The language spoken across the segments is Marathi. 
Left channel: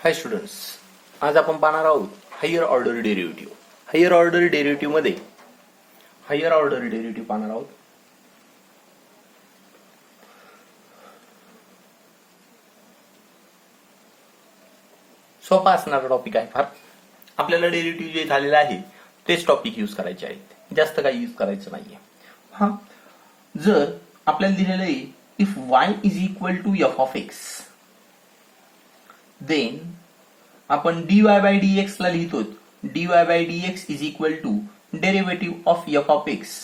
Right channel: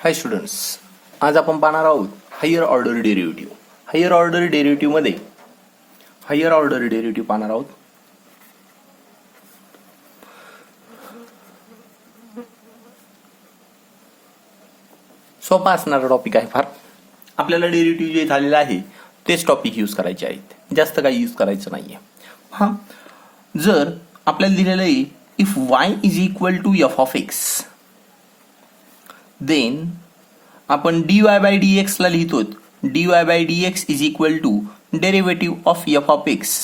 हाय स्टुडंट्स, आज आपण पाहणार आहोत higher order derivative. Higher order derivative मध्ये हायर ऑर्डर डेरिव्हेटिव्ह पाहणार आहोत. सोपा असणारा टॉपिक आहे फार. आपल्याला डेरिव्हेटिव्ह जे झालेलं आहे तेच टॉपिक यूज करायचे आहेत, जास्त काही यूज करायचं नाहीये. हा, जर आपल्याला दिलेलं आहे if y is equal to f of x, then आपण dy बाय dx ला लिहितो. dy by dx is equal to derivative of f of x.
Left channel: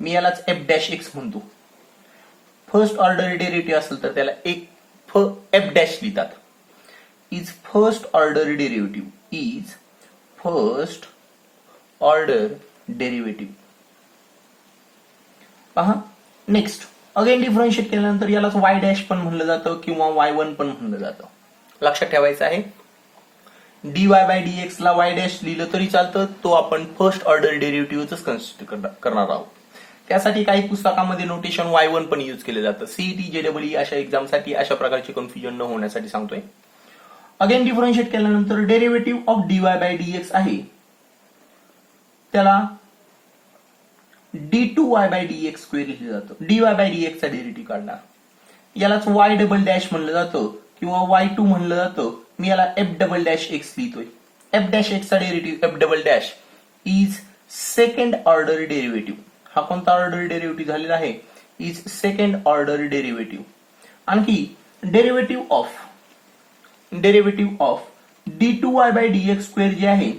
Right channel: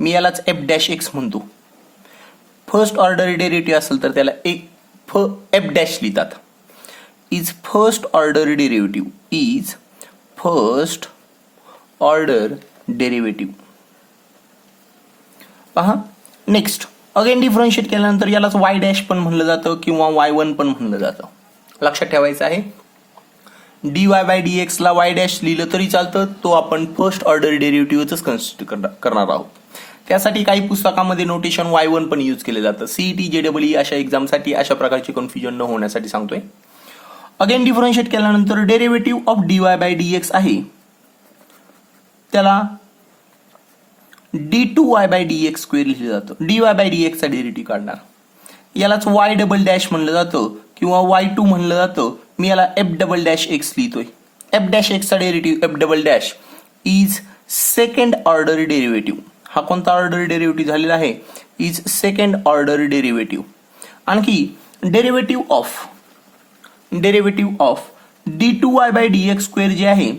मी यालाच एफ डॅश एक्स म्हणतो. फर्स्ट ऑर्डर डेरिव्हेटिव्ह असेल तर त्याला एफ डॅश लिहितात. Is first order derivative, is first order derivative. पहा, नेक्स्ट अगेन डिफरन्शिएट केल्यानंतर यालाच वाय डॅश पण म्हणलं जातं किंवा y1 पण म्हणलं जातं. लक्षात ठेवायचं आहे, dy बाय dx ला y डॅश लिहिलं तरी चालतं, तो आपण फर्स्ट ऑर्डर डेरिव्हेटिव्हच कन्सिडर करणार आहोत. त्यासाठी काही पुस्तकामध्ये नोटेशन y1 पण यूज केले जातं. सीईटी, जेडब्ल्यूई अशा एक्झामसाठी अशा प्रकारचे कन्फ्युजन न होण्यासाठी सांगतोय. अगेन डिफरन्शिएट केल्यानंतर derivative of dy by dx आहे, त्याला d2y बाय dx स्क्वेअर लिहिलं जातं. dy बाय dx चा डेरिव्हेटिव्ह काढणार, यालाच y डबल डॅश म्हणलं जातं किंवा y2 म्हणलं जातं. मी याला एफ डबल डॅश एक्स लिहितोय. एफ डॅश एक्स चा derivative f double dash is second order derivative. हा कोणता ऑर्डर डेरिव्हेटिव्ह झालेला आहे? Is second order derivative. आणखी derivative of d2y by dx square जे आहे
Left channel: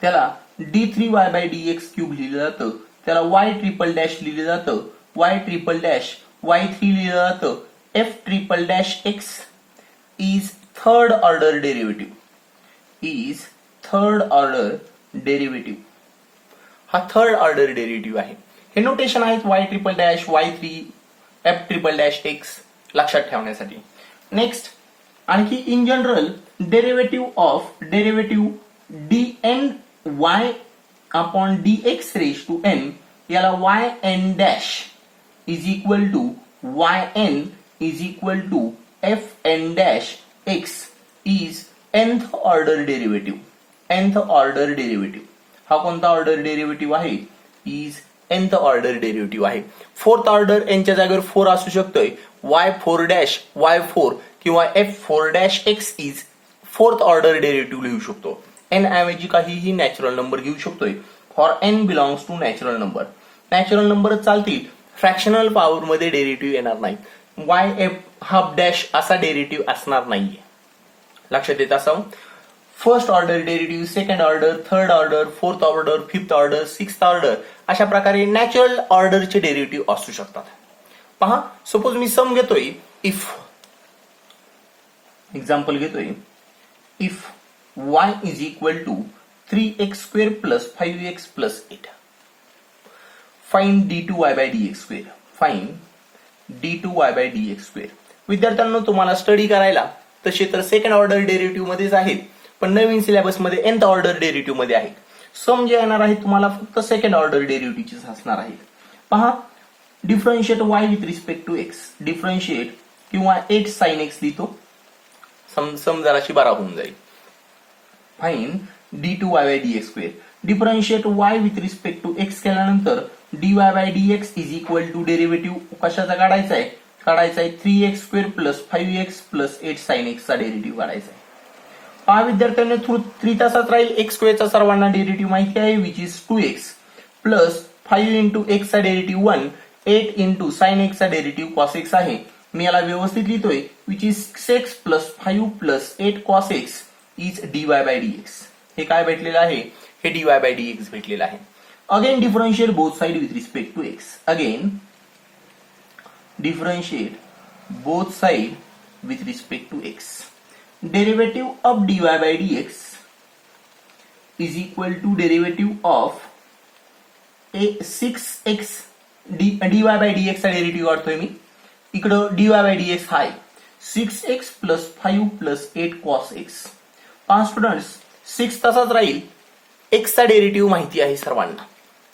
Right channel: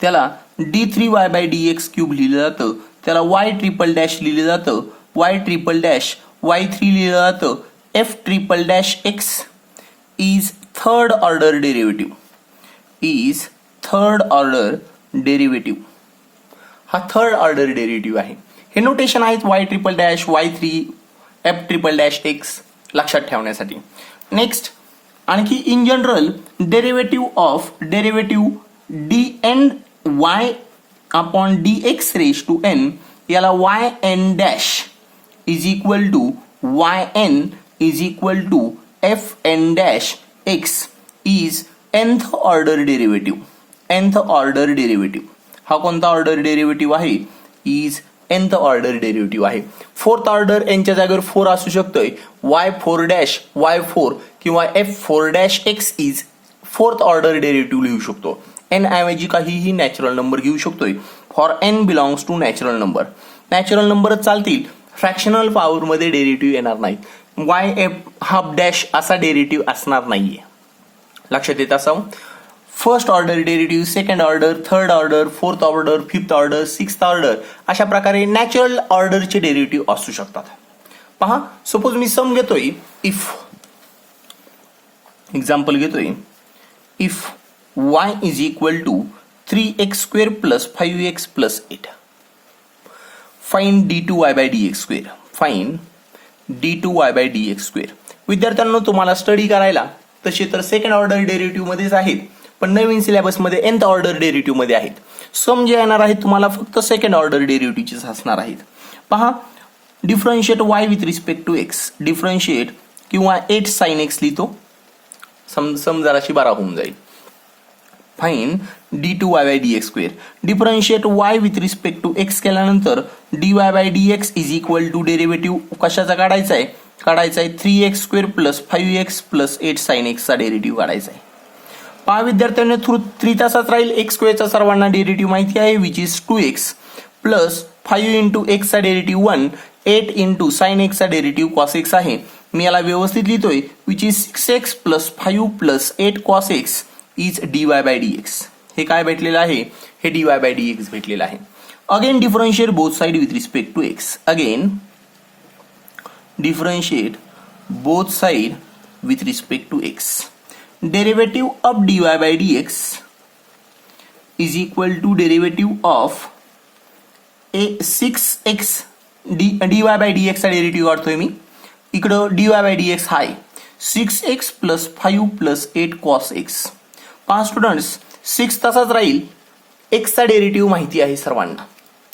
त्याला d3y बाय dx क्यूब लिहिलं जातं. त्याला y ट्रिपल डॅश लिहिलं जातं. y ट्रिपल डॅश y3 लिहिलं जातं. f triple dash x is third order derivative. Is third order derivative. हा थर्ड ऑर्डर डेरिव्हेटिव्ह आहे. हे नोटेशन आहेत y triple dash y3 f triple dash x लक्षात ठेवण्यासाठी. नेक्स्ट, आणखी in general derivative dn y upon dx raise to n, याला yn dash is equal to yn is equal to fn dash x is nth order derivative. nth order derivative हा कोणता ऑर्डर डेरिव्हेटिव्ह आहे? इज nth ऑर्डर डेरिव्हेटिव्ह आहे. फोर्थ ऑर्डर n च्या जागेवर 4 असू शकतोय. y4 डॅश y4 किंवा f4 dash x is fourth order derivative लिहू शकतो. n ऐवजी काहीही नॅचरल नंबर घेऊ शकतोय. For n belongs to natural number. Natural नंबरच चालतील, फ्रॅक्शनल पॉवर मध्ये डेरिव्हेटिव्ह येणार नाहीत. yf हाफ डॅश असा डेरिव्हेटिव्ह असणार नाहीये. लक्षात येत असावं. First order derivative, second order, third order, fourth order, fifth order, sixth order अशा प्रकारे नॅचरल ऑर्डरचे डेरिव्हेटिव्ह असू शकतात. पहा, सपोज मी सम घेतोय. इफ एक्झाम्पल घेतोय, if y is equal to 3x square plus 5x plus 8. Find d2y by dx square. Find d2y by dx square. विद्यार्थ्यांनो, तुम्हाला स्टडी करायला तसे तर सेकंड ऑर्डर डेरिव्हेटिव्ह मध्येच आहेत, पण नवीन सिलेबस मध्ये nth ऑर्डर डेरिव्हेटिव्ह मध्ये आहेत. सम जे येणार आहेत तुम्हाला फक्त सेकंड ऑर्डर डेरिव्हेटिव्हचेच असणार आहेत. पहा, differentiate y with respect to x. Differentiate किंवा 8 sin x लिहितो. सम जराशी बारा होऊन जाईल. Find d2y by dx square. Differentiate y with respect to x केल्यानंतर dy by dx is equal to derivative कशाचा काढायचा आहे? 3x square plus 5x plus 8 sin x चा डेरिव्हेटिव्ह काढायचा आहे. पहा विद्यार्थ्यांनी, थ्रू 3 तासात राहील. x स्क्वेअरचा सर्वांना डेरिव्हेटिव्ह माहिती आहे, which is 2x plus 5 into x चा डेरिव्हेटिव्ह 1, 8 इंटू sin x चा डेरिव्हेटिव्ह cos x आहे. मी याला व्यवस्थित लिहितोय, which is 6x plus 5 plus 8 cos x is dy by dx. हे काय भेटलेलं आहे? हे dy बाय dx भेटलेलं आहे. Again differentiate both side with respect to x. Again differentiate both side with respect to x. Derivative of dy by dx is equal to derivative of 6x. dy by dx चा डेरिव्हेटिव्ह काढतोय मी. इकडं dy बाय dx हा आहे 6x plus 5 plus 8 cos x. 5 students, 6 तसाच राहील. x चा डेरिव्हेटिव्ह माहिती आहे सर्वांना.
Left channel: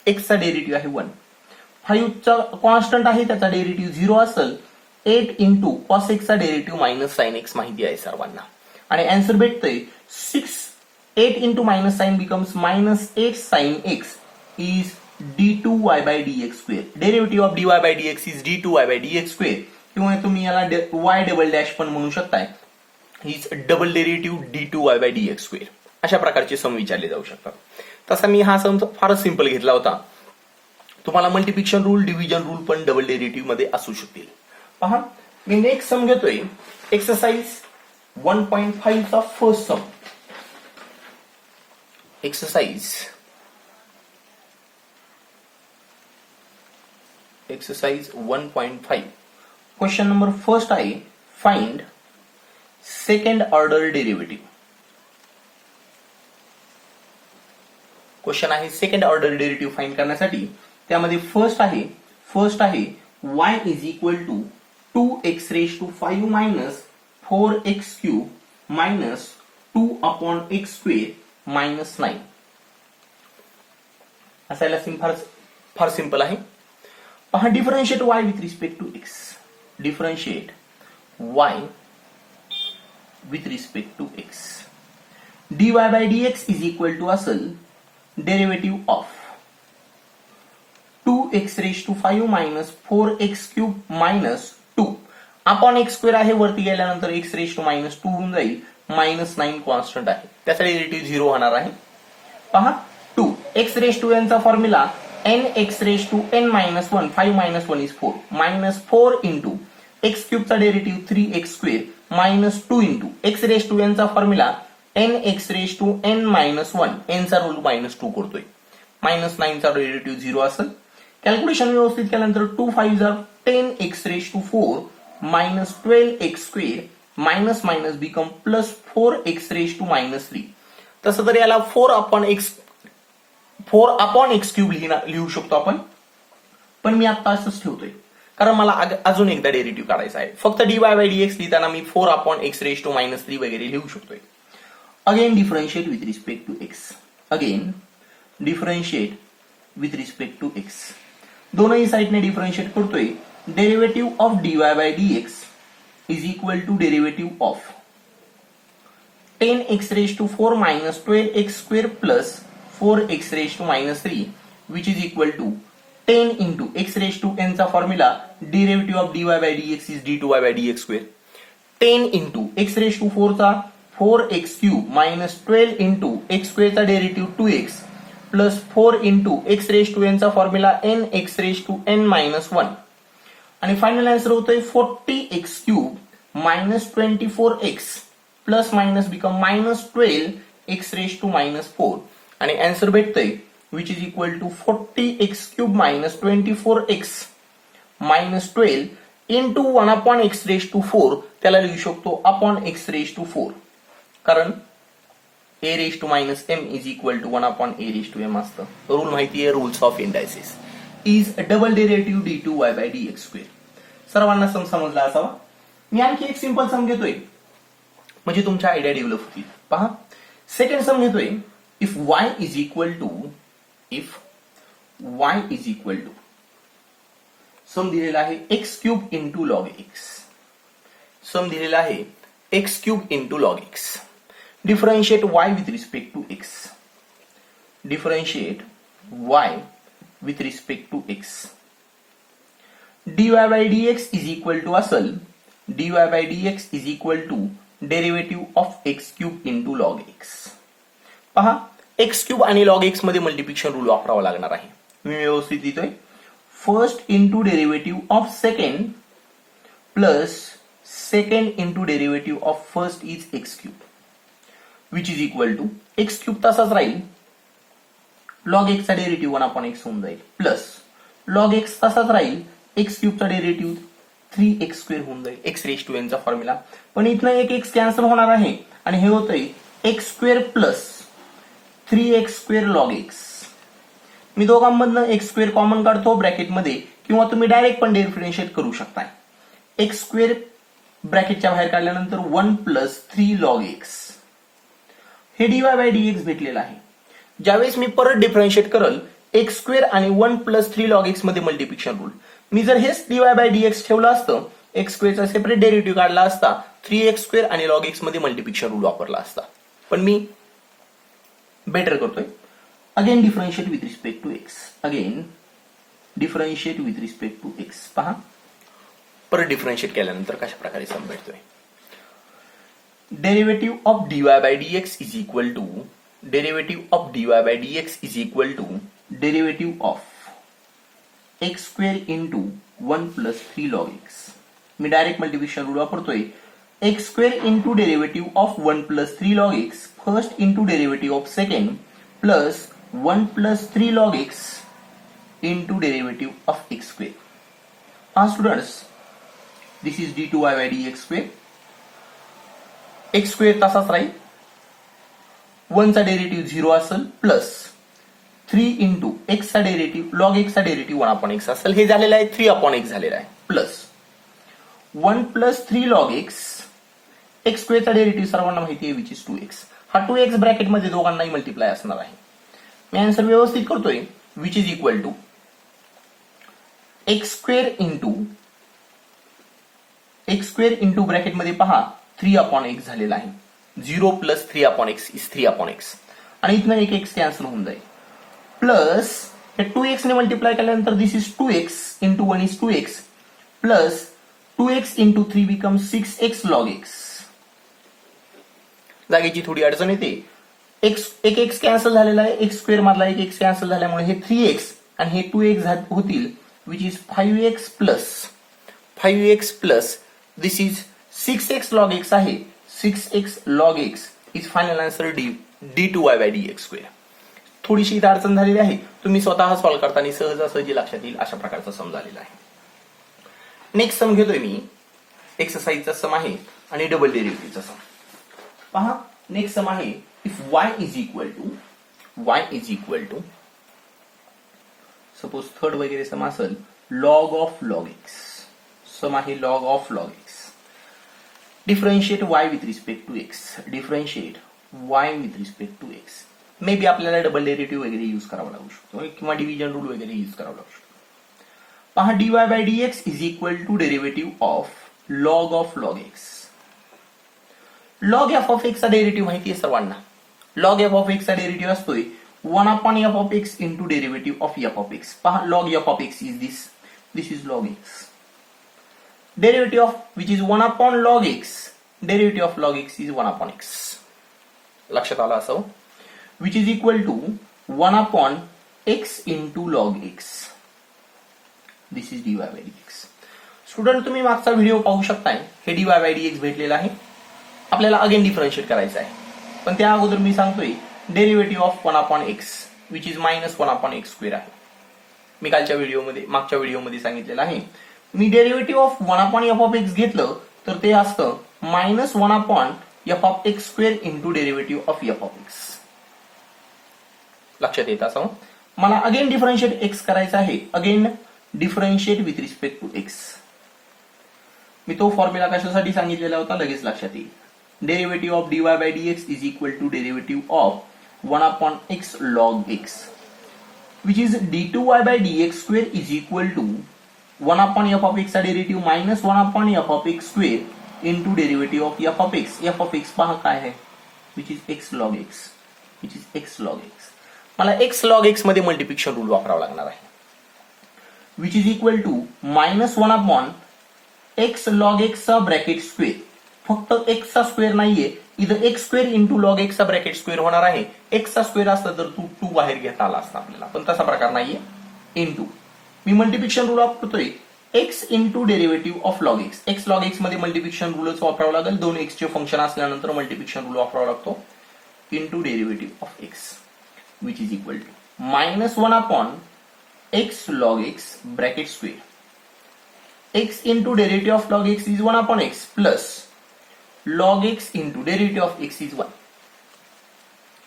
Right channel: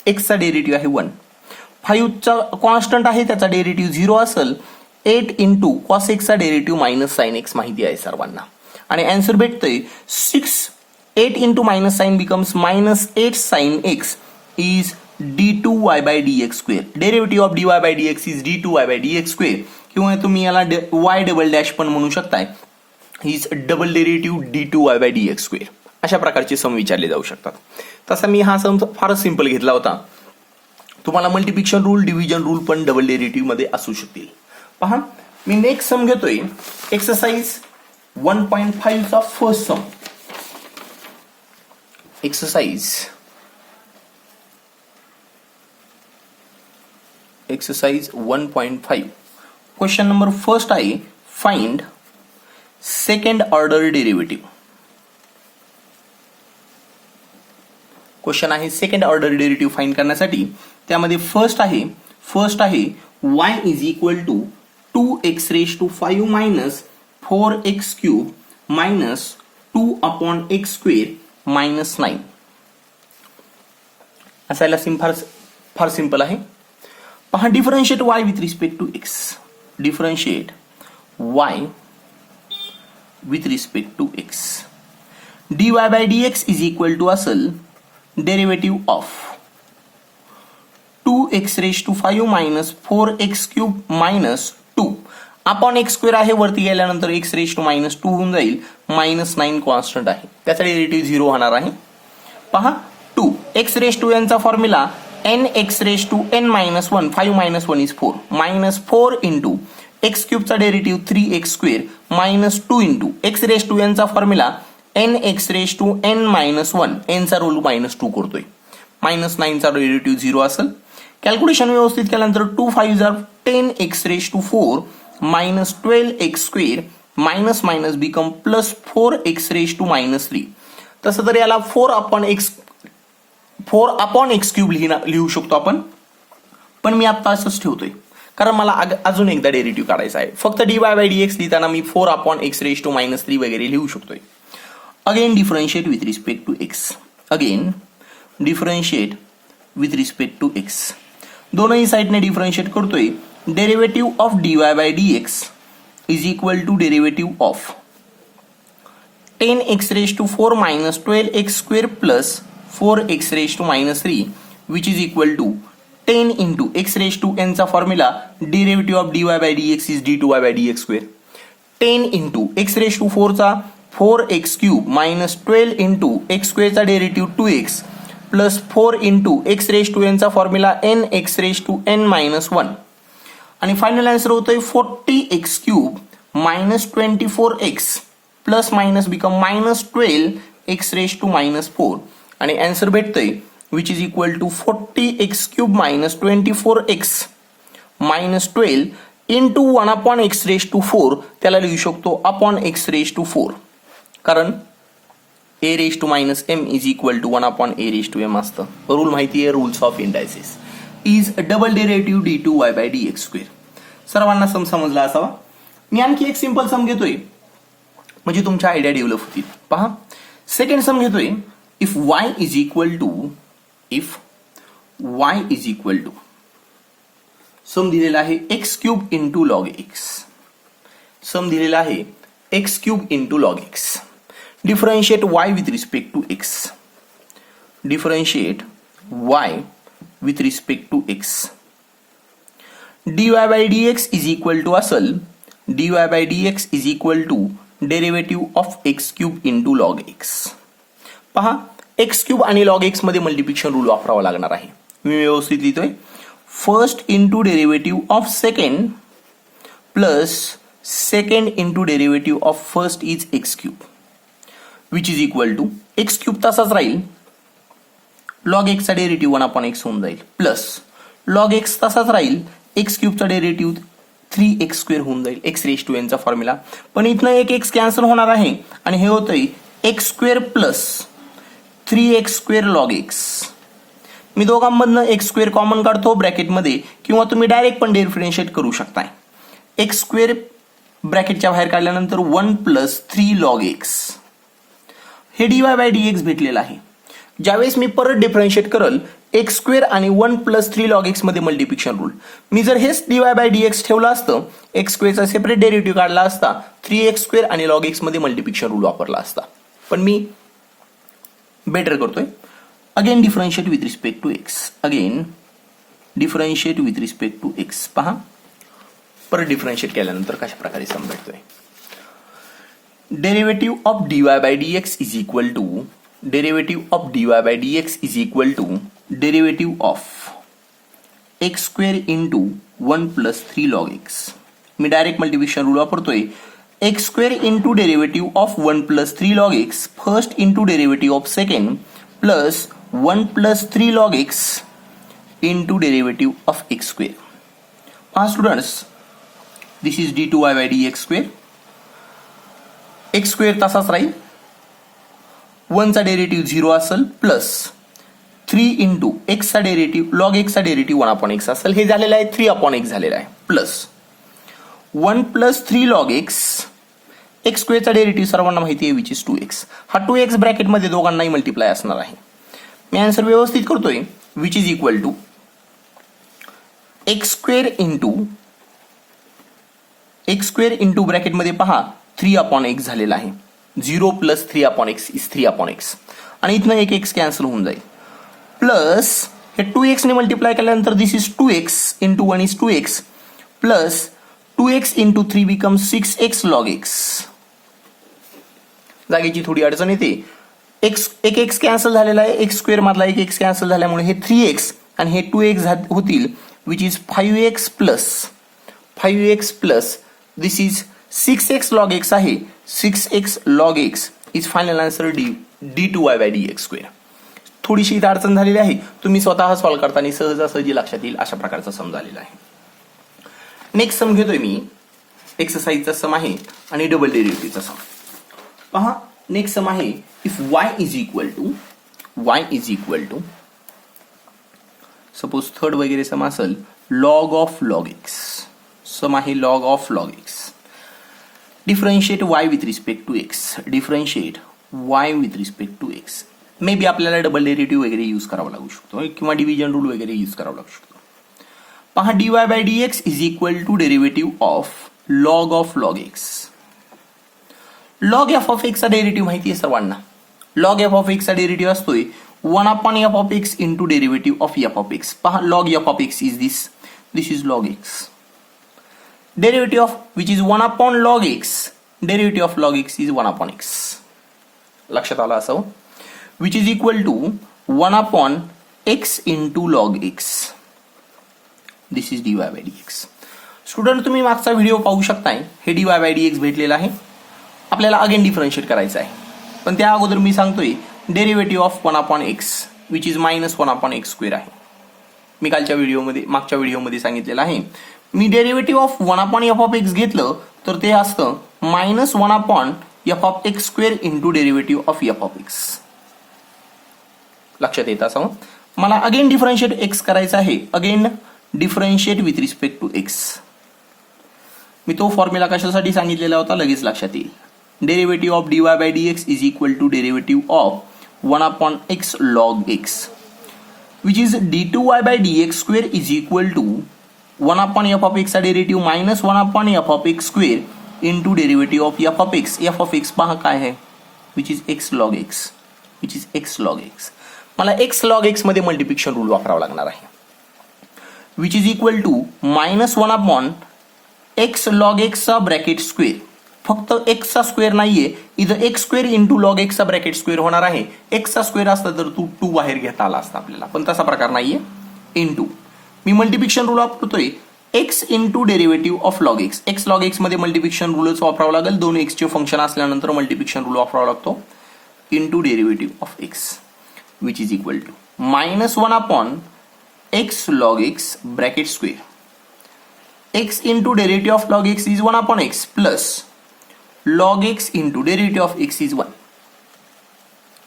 x चा डेरिव्हेटिव्ह आहे 1. 5 चा कॉन्स्टंट आहे, त्याचा डेरिव्हेटिव्ह 0 असेल. 8 इंटू कॉस एक्सचा डेरिव्हेटिव्ह मायनस साइन एक्स माहिती आहे सर्वांना. आणि आन्सर भेटतंय 8 into minus sign becomes minus 8 sin x is d2y by dx square. Derivative of dy by dx is d2y by dx square. किंवा तुम्ही याला y डबल डॅश पण म्हणू शकताय. Is double derivative d2y by dx square. अशा प्रकारचे सम विचारले जाऊ शकतात. तसा मी हा सम फारच सिंपल घेतला होता. तुम्हाला मल्टिप्लिकेशन रूल, डिव्हिजन रूल पण डबल डेरिव्हेटिव्ह मध्ये असू शकतील. पहा, मी नेक्स्ट सम घेतोय एक्सरसाइज 1.5 चा first sum. Exercise 1.5. Question number first आहे find second order derivative. Question आहे सेकंड ऑर्डर डेरिव्हेटिव्ह फाइंड करण्यासाठी. त्यामध्ये फर्स्ट आहे y is equal to 2x raise to 5 minus 4x cube minus 2 upon x square minus 9. असायला फार सिंपल आहे. पहा, differentiate y with respect to x. Differentiate y with respect to x. dy by dx is equal to असेल derivative of 2x raise to 5 minus 4x cube minus 2 upon x square आहे. वरती गेल्यानंतर x रेज टू मायनस 2 होऊन जाईल. मायनस 9 कॉन्स्टंट आहे, त्याचा डेरिव्हेटिव्ह 0 होणार आहे. पहा, 2 x रेज टू n चा formula n x raise to n minus 1. 5 minus 1 is 4. Minus 4 into x क्यूबचा derivative 3x square minus 2 into x raise to n चा formula n x raise to n minus 1. n चा रोल मायनस 2 करतोय. मायनस 9 चा डेरिव्हेटिव्ह 0 असेल. कॅल्क्युलेशन व्यवस्थित केल्यानंतर 2 5 10x raise to 4 minus 12x square minus minus become plus 4x raise to minus 3. तसं तर याला 4 अपॉन एक्स क्यूब लिहू शकतो आपण, पण मी आता असंच ठेवतोय कारण मला अजून एकदा डेरिव्हेटिव्ह काढायचा आहे. फक्त dy by dx लिहिताना मी 4 upon x raise to minus 3 वगैरे लिहू शकतोय. Again differentiate with respect to x. Again differentiate with respect to x. दोनही साइडने डिफरन्शिएट करतोय. Derivative of dy by dx is equal to derivative of 10x raise to 4 minus 12x square plus 4x raise to minus 3 which is equal to 10 into x raise to n चा formula derivative of dy by dx is d2y by dx square. 10 into x raise to 4 चा 4x cube minus 12 into x स्क्वेअरचा derivative 2x plus 4 into x raise to n चा formula n x raise to n minus 1. आणि फायनल आन्सर होतोय 40x cube minus 24x plus minus become minus 12x raise to minus 4. आणि आन्सर भेटतंय which is equal to 40x cube minus 24x minus 12 into 1 upon x raise to 4. त्याला लिहू शकतो अपॉन x रेज टू 4, कारण a raise to minus m is equal to 1 upon a raise to m असतं. रूल माहिती आहे, rules of indices. Is double derivative d2y by dx square. सर्वांना सम समजला असावा. मी आणखी एक सिंपल सम घेतोय म्हणजे तुमच्या आयडिया डेव्हलप होतील. पहा, सेकंड सम घेतोय. If y is equal to sum दिलेला आहे x cube into log x. Sum दिलेला आहे x cube into log x. Differentiate y with respect to x. Differentiate y with respect to x. dy by dx is equal to असल dy by dx is equal to derivative of x cube into log x. पहा, x क्यूब आणि log x मध्ये मल्टिप्लिकेशन रूल वापरावा लागणार आहे. मी व्यवस्थित लिहितोय. First into derivative of second plus second into derivative of first is x cube which is equal to x cube तसाच राहील. लॉग x चा डेरिव्हेटिव्ह 1 अपॉन x होऊन जाईल प्लस लॉग x तसाच राहील. x क्यूबचा डेरिव्हेटिव्ह 3x स्क्वेअर होऊन जाईल. x रेज टू n चा फॉर्म्युला, पण इथनं एक x कॅन्सल होणार आहे आणि हे होतंय x square plus 3x square log x. मी दोघांमधनं x स्क्वेअर कॉमन काढतो ब्रॅकेटमध्ये, किंवा तुम्ही डायरेक्ट पण डिफरन्शिएट करू शकताय. x स्क्वेअर ब्रॅकेटच्या बाहेर काढल्यानंतर 1 प्लस 3 लॉग x. हे dy by dx भेटलेलं आहे. ज्यावेळेस मी परत डिफरन्शिएट करल एक्स स्क्वेअर आणि 1 प्लस 3 लॉग एक्स मध्ये मल्टिप्लिकेशन रूल. मी जर हेच डीवाय बाय डीएक्स ठेवलं असतं, एक्स स्क्वेअरचा सेपरेट डेरिव्हेटिव्ह काढला असता, 3x स्क्वेअर आणि लॉग एक्स मध्ये मल्टिप्लिकेशन रूल वापरला असता. पण मी बेटर करतोय. Again differentiate with respect to x. Again differentiate with respect to x. पहा परत डिफरन्शिएट केल्यानंतर कशा प्रकारे समजतोय. Derivative of dy by dx is equal to derivative of dy by dx is equal to derivative of x square into 1 plus 3 log x. मी डायरेक्ट मल्टिप्लिकेशन रूल वापरतोय. X square into derivative of 1 plus 3 log x first into derivative of second plus 1 plus 3 log x into derivative of x square. हा students, this is d2y by dx square. X square तसाच राहील, 1 चा डेरिव्हेटिव्ह 0 असेल, प्लस 3 इंटू एक्स चा डेरिव्हेटिव्ह लॉग एक्स चा डेरिव्हेटिव्ह 1 अपॉन एक्स असेल. हे झालेलं आहे 3 अपॉन एक्स झालेलं आहे, plus 1 plus 3 log x. X स्क्वेअरचा डेरिव्हेटिव्ह सर्वांना माहिती आहे, विच इज 2x. हा 2x ब्रॅकेटमध्ये दोघांनाही मल्टिप्लाय असणार आहे. मी आन्सर व्यवस्थित करतोय. Which is equal to x square into ब्रॅकेटमध्ये पहा 3 अपॉन एक्स झालेला आहे. 0 plus 3 upon x is 3 upon x. आणि इथनं एक एक्स कॅन्सल होऊन जाईल. प्लस हे 2x ने मल्टिप्लाय केल्यानंतर this is 2x into 1 is 2x plus 2x into 3 become 6x log x. जागेची थोडी अडचण येते. एक एक्स कॅन्सल झालेला आहे. एक्स स्क्वेअर मधला एक एक्स कॅन्सल झाल्यामुळे हे 3x आणि हे 2x होतील, which is 5x plus this is 6x log x आहे. 6x log x is final answer d2y by dx square. थोडीशी इथं अडचण झालेली आहे. तुम्ही स्वतः सॉल्व्ह करताना सहजासहजी लक्षात येईल अशा प्रकारचा सम झालेला आहे. नेक्स्ट सम घेतोय मी. एक्सरसाइजचा सम आहे आणि डबल डेरिव्हेटिव्हचा सम. पहा नेक्स्ट सम आहे. If y is equal to suppose third वगैरे सम असेल, log of log x. Sum आहे log of log x. Differentiate y with respect to x. Differentiate y with respect to x. Maybe आपल्याला डबल डेरिव्हेटिव्ह वगैरे यूज करावा लागू शकतो किंवा डिव्हिजन रूल वगैरे यूज करावा लागू शकतो. पहा dy by dx is equal to derivative of log x. Log f of x चा डेरिव्हेटिव्ह माहिती आहे सर्वांना. लॉग एफ ऑफ एक्स चा डेरिव्हेटिव्ह असतोय 1 upon f of x into derivative of f of x. पहा log f of x is this is log x. Derivative of which is 1 upon log x. Derivative of log x is 1 upon x. लक्षात आलं असावं. Which is equal to 1 upon x into log x. This is dy by dx. Student तुम्ही मागचा व्हिडिओ पाहू शकताय. हे dy by dx भेटलेला आहे. आपल्याला अगेन डिफरन्शिएट करायचं आहे. पण त्या अगोदर मी सांगतोय derivative of 1 upon x which is minus 1 upon x square आहे. मी मागच्या व्हिडिओमध्ये सांगितलेलं आहे. मी derivative of 1 upon f of x घेतलं तर ते असतं minus 1 upon f of x square into derivative of f of x. लक्षात येत असावं. मला अगेन डिफरन्शिएट एक्स करायचं आहे. Again differentiate with respect to x. मी तो फॉर्म्युला कशासाठी सांगितलेला होता लगेच लक्षात येईल. Derivative of dy by dx is equal to derivative of 1 upon x log x which is d2y by dx square is equal to 1 upon f of x चा derivative minus 1 upon f of x square into derivative of f of x. F of x पहा काय आहे, which is x log x. मला एक्स लॉग एक्स मध्ये मल्टिप्लिकेशन रूल वापरावा लागणार आहे. Which is equal to minus 1 upon x log x चा ब्रॅकेट स्क्वेअर. फक्त एक्स चा स्क्वेअर नाहीये, इथं x square into log x चा ब्रॅकेट स्क्वेअर होणार आहे. एक्स चा स्क्वेअर असता तर 2 बाहेर घेता आला असता आपल्याला, पण तसा प्रकार नाहीये. इंटू मी मल्टिप्लिकेशन रूल वापरतोय x into derivative of log x. X log x मध्ये मल्टिप्लिकेशन रूलच वापरावं लागेल. 2 एक्सचे फंक्शन असल्यानंतर मल्टिप्लिकेशन रूल वापरावा लागतो. Into derivative of x which is equal to minus 1 upon x log x bracket square. X into derivative of log x is 1 upon x plus log x into derivative of x is 1.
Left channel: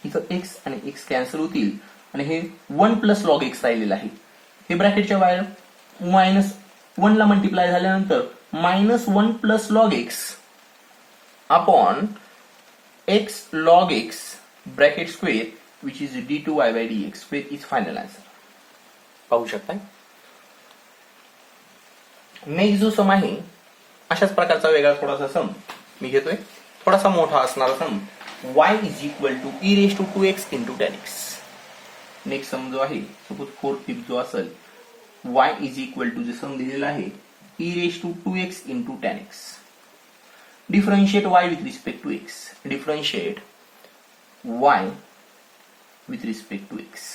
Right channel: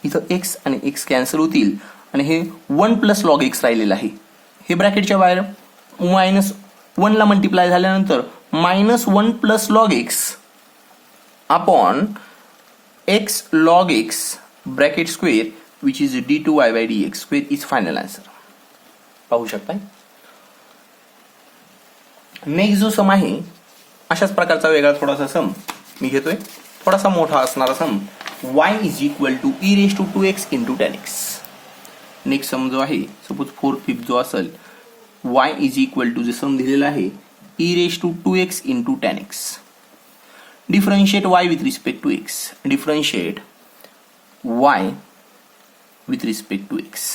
इथं एक्स आणि एक्स कॅन्सल होतील आणि हे 1 प्लस लॉग एक्स राहिलेलं आहे. हे ब्रॅकेटच्या बाहेर मायनस 1 ला मल्टिप्लाय झाल्यानंतर minus 1 plus log x upon x log x bracket square which is d2y by dx square is final answer. पाहू शकताय. नेक्स्ट जो सम आहे अशाच प्रकारचा वेगळा थोडासा सम मी घेतोय, थोडासा मोठा असणारा sum y is equal to e raise to 2x into 10x. Next sum जो आहे सपोज 4/5 जो असेल y इज इक्वल टू जे सम दिलेला आहे e raise to 2x into 10x. Differentiate y with respect to x. Differentiate y with respect to x.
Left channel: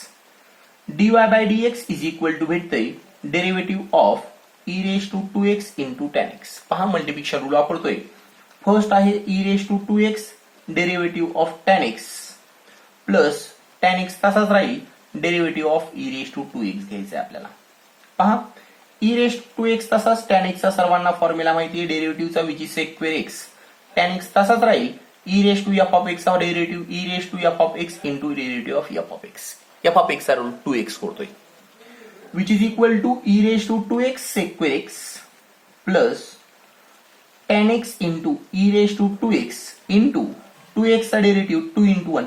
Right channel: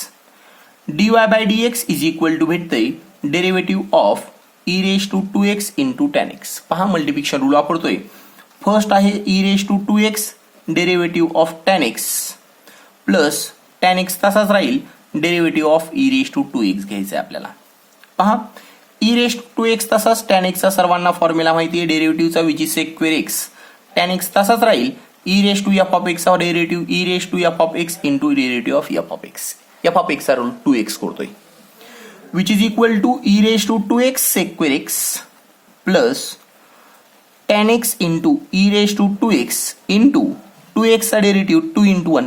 dy by dx is equal to भेटतंय derivative of e raise to 2x into 10x. पहा मल्टिप्लिकेशन रूल वापरतोय. फर्स्ट आहे e raise to 2x derivative of 10x plus 10x तसाच राहील, derivative of e raise to 2x घ्यायचं आहे आपल्याला. पहा ई रेज टू 2x तसाच, 10x चा सर्वांना फॉर्म्युला माहिती आहे डेरिव्हेटिव्हचा which is sec square x. 10x तसाच राहील, e raise to f of x चा derivative e raise to f of x into derivative of f of x. F of x चा रूल 2x करतोय which is equal to e raise to 2x sec square x plus 10x into e raise to 2x into 2x चा डेरिव्हेटिव्ह 2 इंटू 1.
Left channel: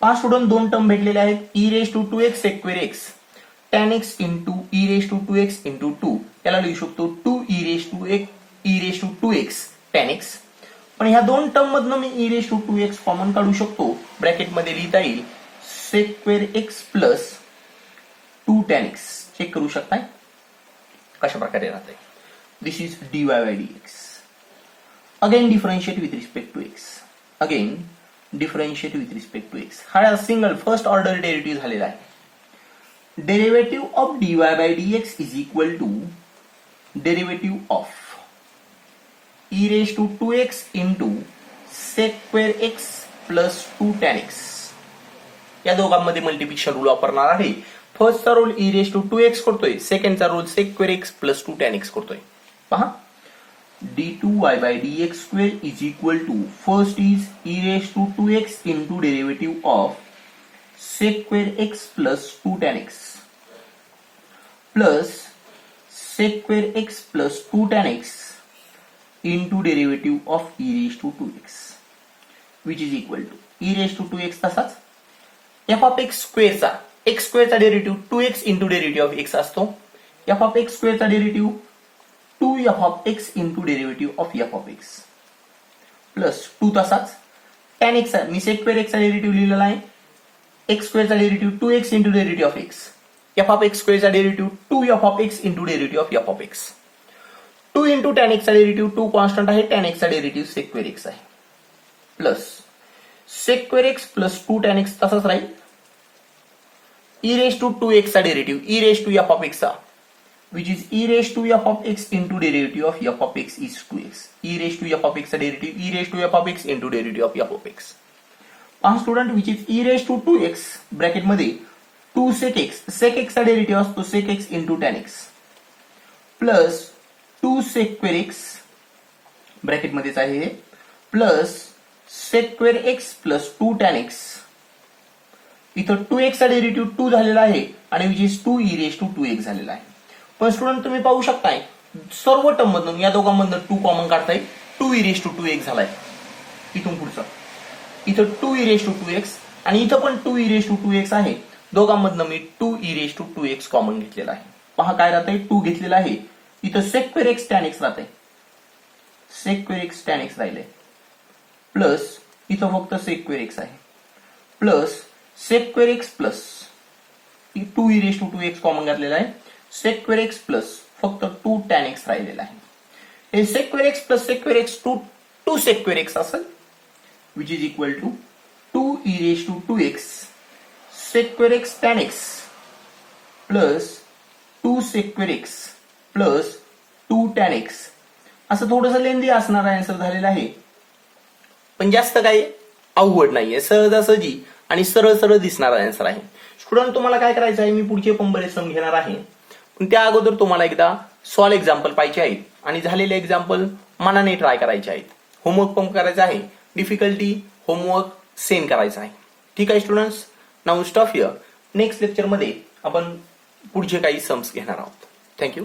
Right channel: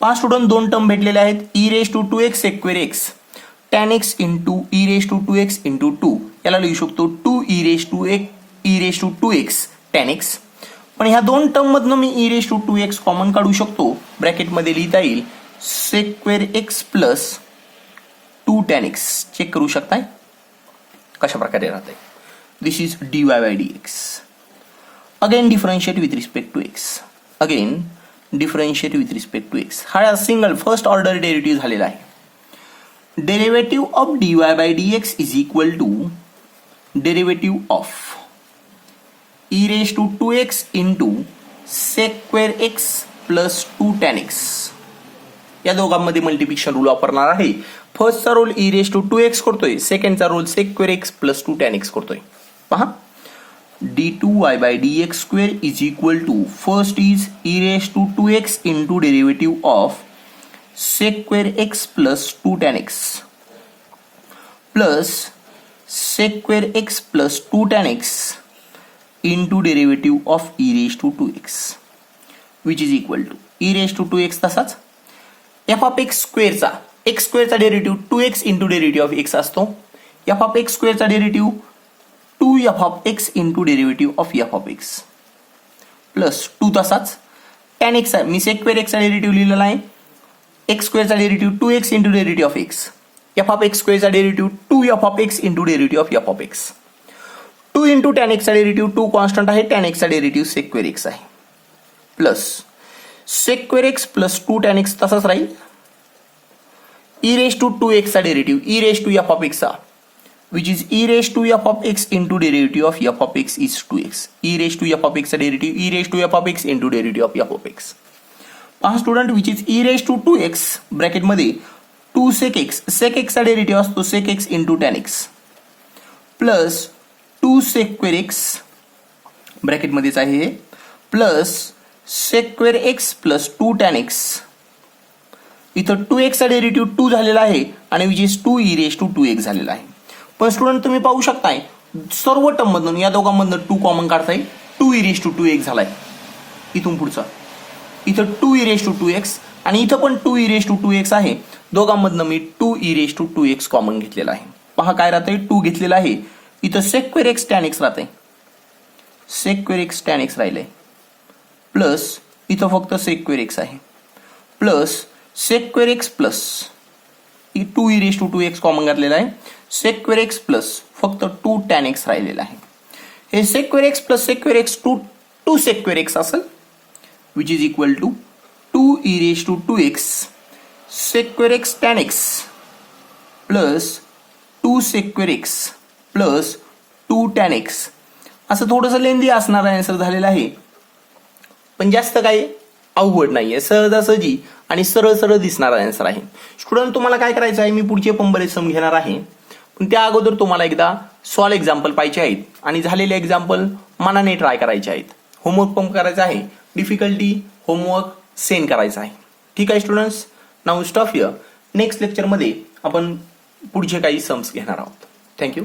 पहा स्टुडंट दोन टर्म भेटलेले आहेत, e raise to 2x sec square x, 10x into e raise to 2x into 2. याला लिहू शकतो 2 E raise to 2x 10x. पण ह्या दोन टर्म मधनं मी e raise to 2x common काढू शकतो. ब्रॅकेटमध्ये लिहिता येईल sec square x plus 2 10x. Check करू शकताय कशा प्रकारे राहते. This is dy by dx. Again differentiate with respect to x. Again differentiate with respect to x. हा सिंगल फर्स्ट ऑर्डर डेरिव्हेटिव्ह झालेला आहे. Derivative of dy by dx is equal to derivative of e raise to 2x into sec square x plus 2 10x. या दोघांमध्ये मल्टिप्लिकेशन रूल वापरणार आहे. फर्स्टचा role e raise to 2x करतोय, सेकंडचा role sec square x plus 2 10x करतोय. पहा d2y by dx square is equal to first is e raised to 2x into derivative of sec square x plus 2 tan x plus sec square x plus 2 tan x into derivative of e raised to 2x which is equal to e raised to 2x तसाच f of x square चा x square चा derivative 2x into derivative of x असतो. f of x square चा derivative 2f of x into derivative of f of x plus 2 तसाच tan x मी sec square x चा डेरिव्हेटिव्ह लिहिलेला आहे. x square चा derivative 2x into derivative of x. f of x square चा derivative 2f of x into derivative of f of x. 2 into tan x चा डेरिव्हेटिव्ह 2 कॉन्स्टंट आहे, tan x चा डेरिव्हेटिव्ह sec square x आहे. Plus sec square x plus 2 tan x तसाच राहील. e raised to 2x चा derivative e raised to f of x चा which is e raised to f of x into derivative of f of x is 2x. e raised to f of x चा derivative e raised to f of x into derivative of f of x. पहा student which is e raised to 2x bracket मध्ये 2 sec x चा डेरिव्हेटिव्ह असतो sec x into tan x plus 2 sec square x bracket मध्येच आहे हे plus sec square x plus 2 tan x. इथं 2x चा डेरिव्हेटिव्ह 2 झालेला आहे आणि which is 2 e raised to 2x झालेला आहे. पण स्टुडंट तुम्ही पाहू शकताय सर्व टर्म मधून या दोघांमधून 2 कॉमन काढता येईल. 2 e raised to 2x झालाय. इथून पुढचा इथं 2 e raised to 2x आणि इथं पण 2 e raised to 2x आहे. दोघांमधनं मी 2 e raised to 2x common घेतलेला आहे. पहा काय राहतंय 2 घेतलेला आहे. इथं sec square x tan x राहतंय. sec square x tan x राहिलंय प्लस इथं फक्त sec square x आहे plus sec square x plus 2 e raised to 2x common घातलेला आहे. sec square x प्लस फक्त 2 tan x राहिलेला आहे. हे sec square x plus sec square x 2 sec square x असेल which is equal to 2 e raised to 2x sec square x tan x plus 2 sec square x plus 2 tan x. असं थोडंसं लेंदी असणारा आन्सर झालेला आहे पण जास्त काही अवघड नाहीये, सहजासहजी आणि सरळ सरळ दिसणारा आन्सर आहे. स्टुडंट तुम्हाला काय करायचं आहे, मी पुढचे पण बरेच सम घेणार आहे पण त्या अगोदर तुम्हाला एकदा सॉल्व एक्झाम्पल पाहिजे आहेत आणि झालेले एक्झाम्पल मनाने ट्राय करायचे आहेत. होमवर्क पण करायचा आहे, डिफिकल्टी होमवर्क सेंड करायचा आहे. ठीक आहे students, now stop here. Next लेक्चरमध्ये आपण पुढचे काही सम्स घेणार आहोत. थँक्यू.